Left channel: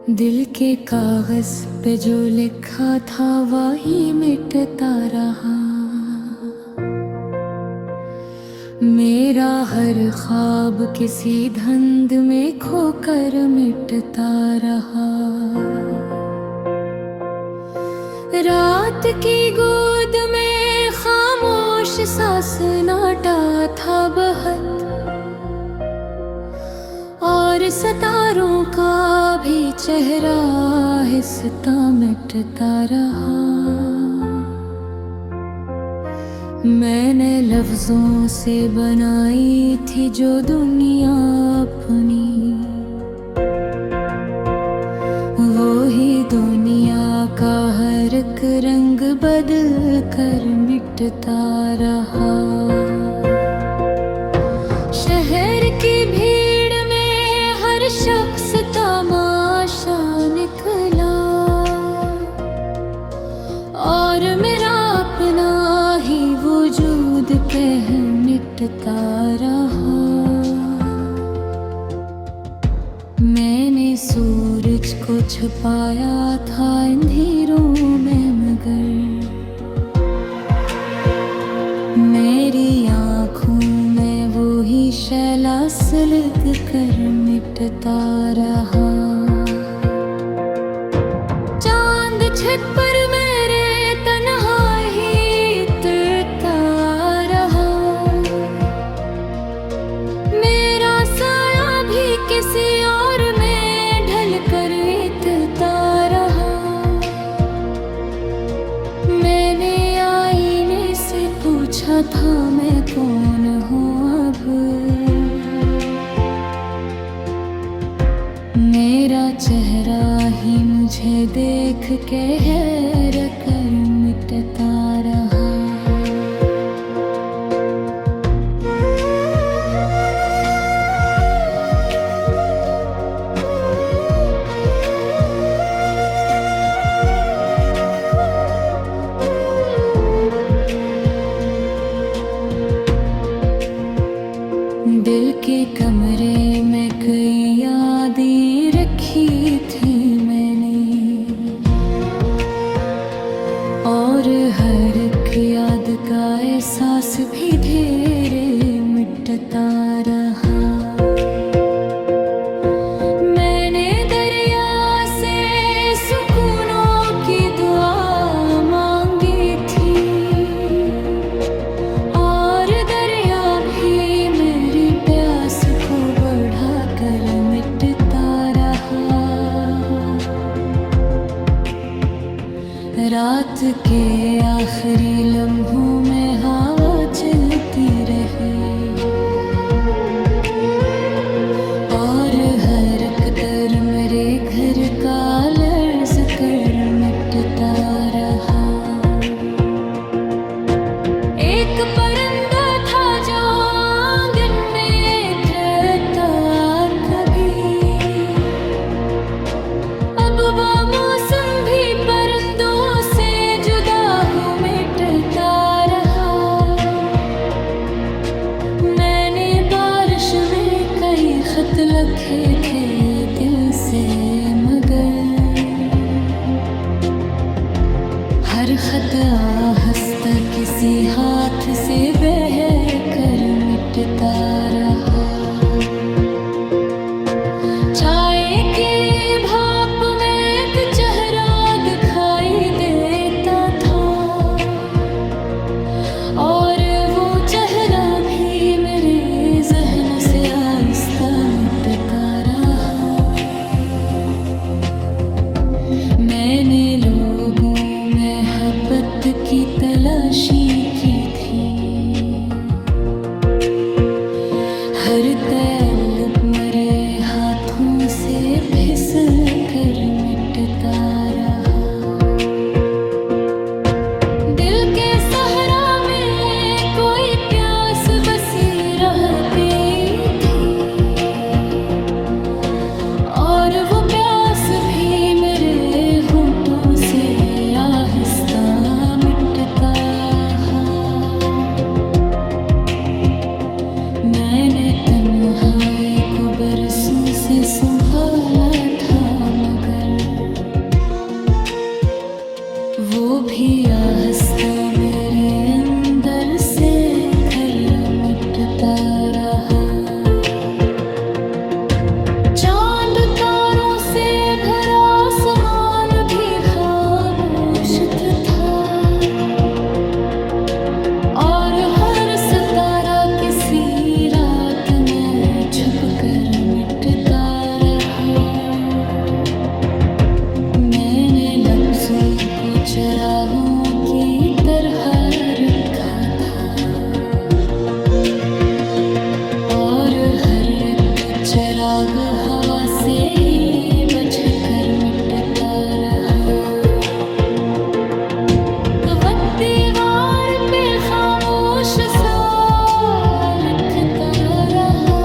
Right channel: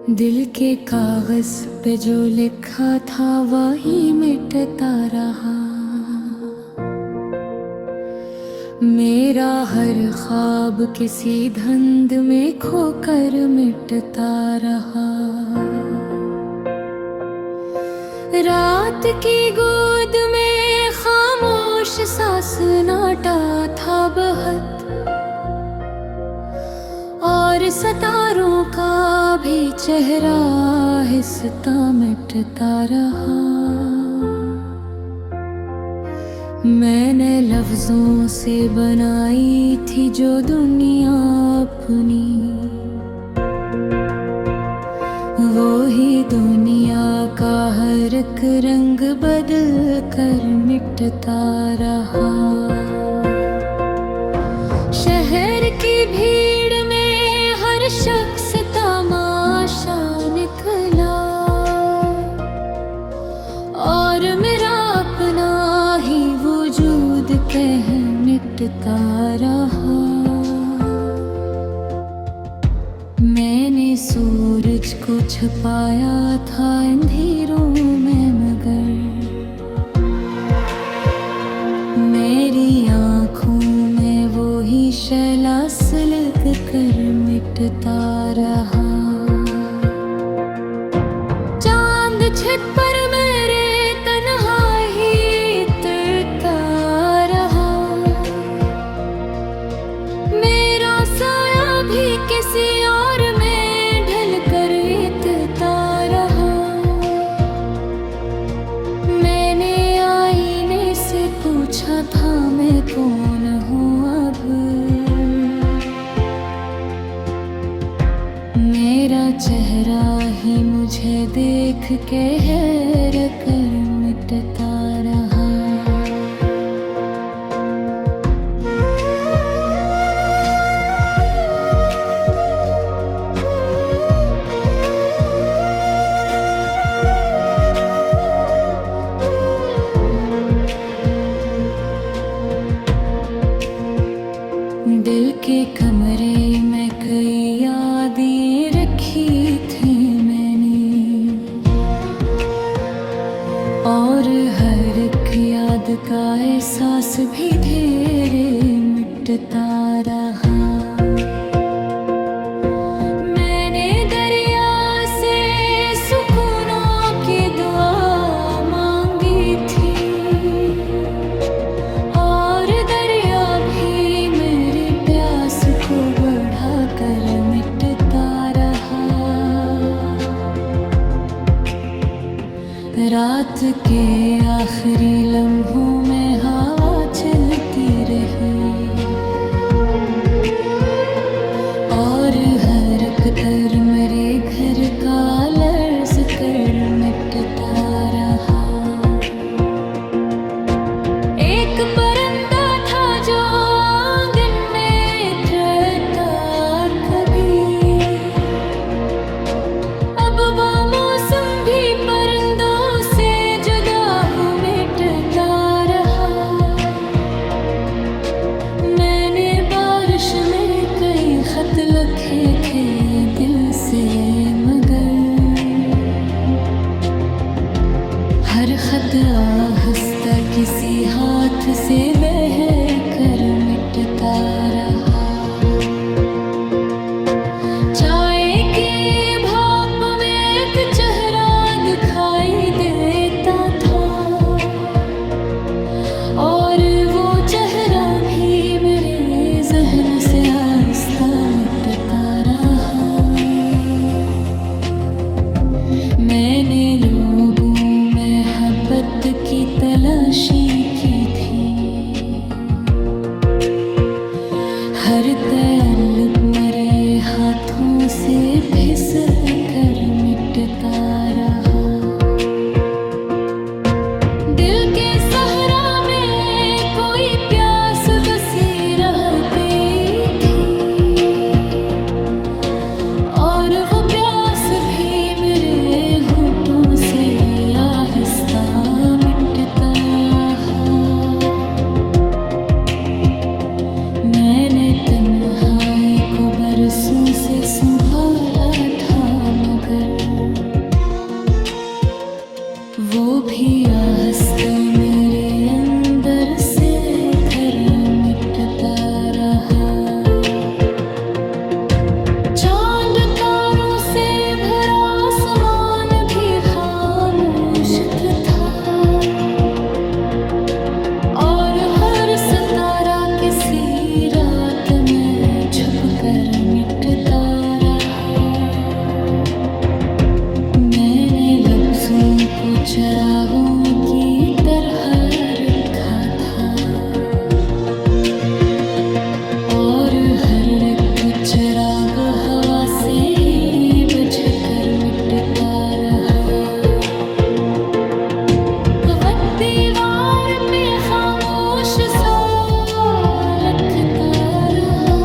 दिल के कागज पे जो लिखा था वही मिटता रहा। मेरा हर ख्वाब किसी धुंध में खोकर मिटता रहा। रात की गोद में खामोश सा सन्नाटा था बहुत, और सितारों का भी चेहरा आहिस्ता मिटता रहा। मैंने लफ्जों से बनाई थी जो दुनिया अपनी, वो ही दुनिया का हर एक रंग बदल कर मिटता रहा। शहर की भीड़ में हर शख्स तमाशा निकला, और मेरा अपना ही वजूद कह मिटता रहा। मैंने सूरज को छुपाया था अंधेरों में, मगर मेरी आँखों में वो ही शैला सिलक कर मिटता रहा। चांद छत पर मेरे तन्हा ही उतरता रहा। मेरा साया भी किसी और में ढल कर बीतता रहा। मैंने आईने से पूछा था मैं कौन हूँ अब, मेरा चेहरा ही मुझे देख के हैरत कर मिटता रहा। दिल के कमरे में कई यादें रखी थी मैंने, और हर एक याद का एहसास भी धीरे मिटता रहा। मैंने दरिया से सुकूनों की दुआ मांगी थी, और दरिया भी मेरी प्यास को बढ़ा कर मिटता रहा। रात के आखिरी लम्हों में हवा चलती रही, और हर एक डर मेरे घर का लर्ज कर मिटता रहा। एक परिंदा था जो आंगन में उतरता कभी, अब मौसम भी परिंदों से जुदा हो मिटता रहा। मैंने बारिश में कई खत लिखे थे दिल से, मगर हर खत आहिस्ता किसी हाथ से बह कर मिटता रहा। चाय की भाप में एक चेहरा दिखाई देता था, और वो चेहरा भी मेरे जहन से आहिस्ता मिटता रहा। मैंने लोगों में मोहब्बत की तलाशी की थी, हर तलब मरे हाथों से फिसल कर मिटता रहा। दिल के सहरा में कोई प्यास बसी रहती थी, और वो प्यास भी मेरे होठों से आहिस्ता मिटता है। मैंने तन्हाई को को बरसों से संभाला था, मगर वो भी आहस्ता मेरे अंदर से धर्म मिटता रहा। चांद तारों से भरा आसमान भी खामोश था, और हर सितारा किसी रात में छुप कर मिटता रहा। मैंने लफ्जों को चिरागों की तरह रखा था, और हर एक चिराग हवा से ही बुझकर मिटता रहा। वक्त दीवार पे खामोश सा लिखता रहा,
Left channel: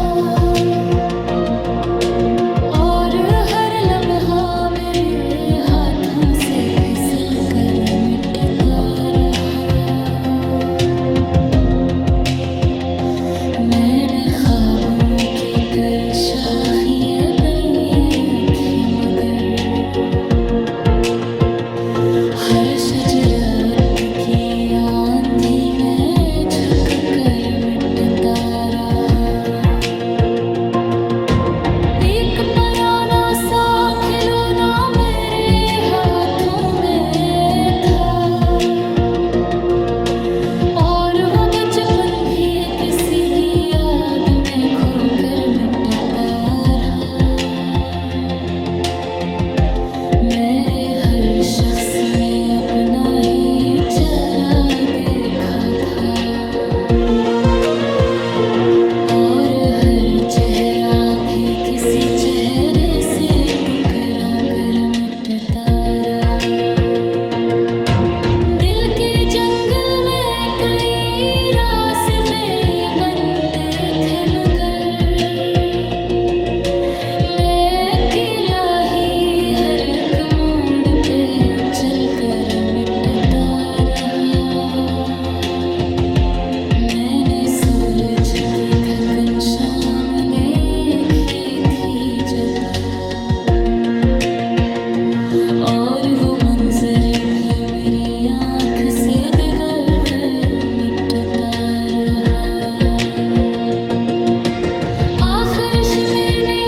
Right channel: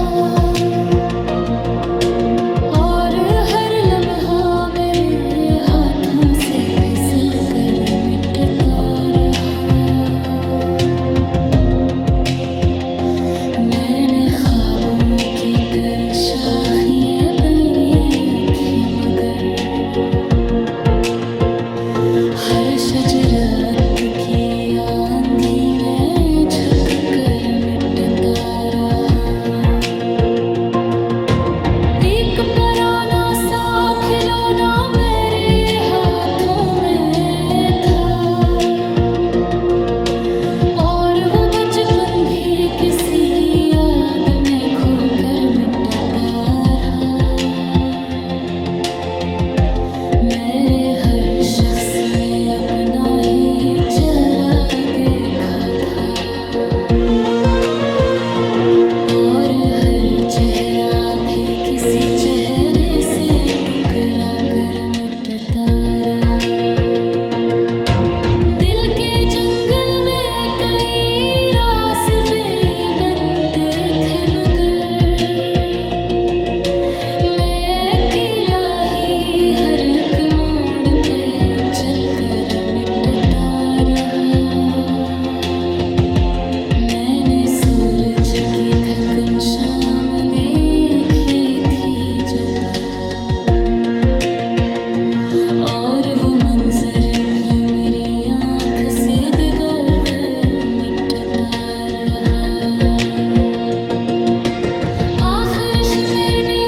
और हर लम्हा मेरे हाथों से फिसल कर मिटता रहा। मैंने ख्वाबों की कई शाखियाँ देखी, मगर हर शजरत की आंधी में झुक कर मिटता रहा। एक पुराना सा खिलौना मेरे हाथों में था, और वो बचपन भी किसी याद में खोकर मिटता रहा। मेरे हर शख्स में अपना ही चेहरा देखा था, और हर चेहरा भी किसी चेहरे से टुकरा कर मिटता रहा। दिल के जंगल में कई रास्ते बनते थे, मगर मैं अकेला ही हर एक मोड़ पे चल कर मिटता रहा। मैंने सूरज की थकन शाम देखी थी जब, और वो मंजर भी मेरी आँख से दिगर मिटता रहा। आखिर मैंने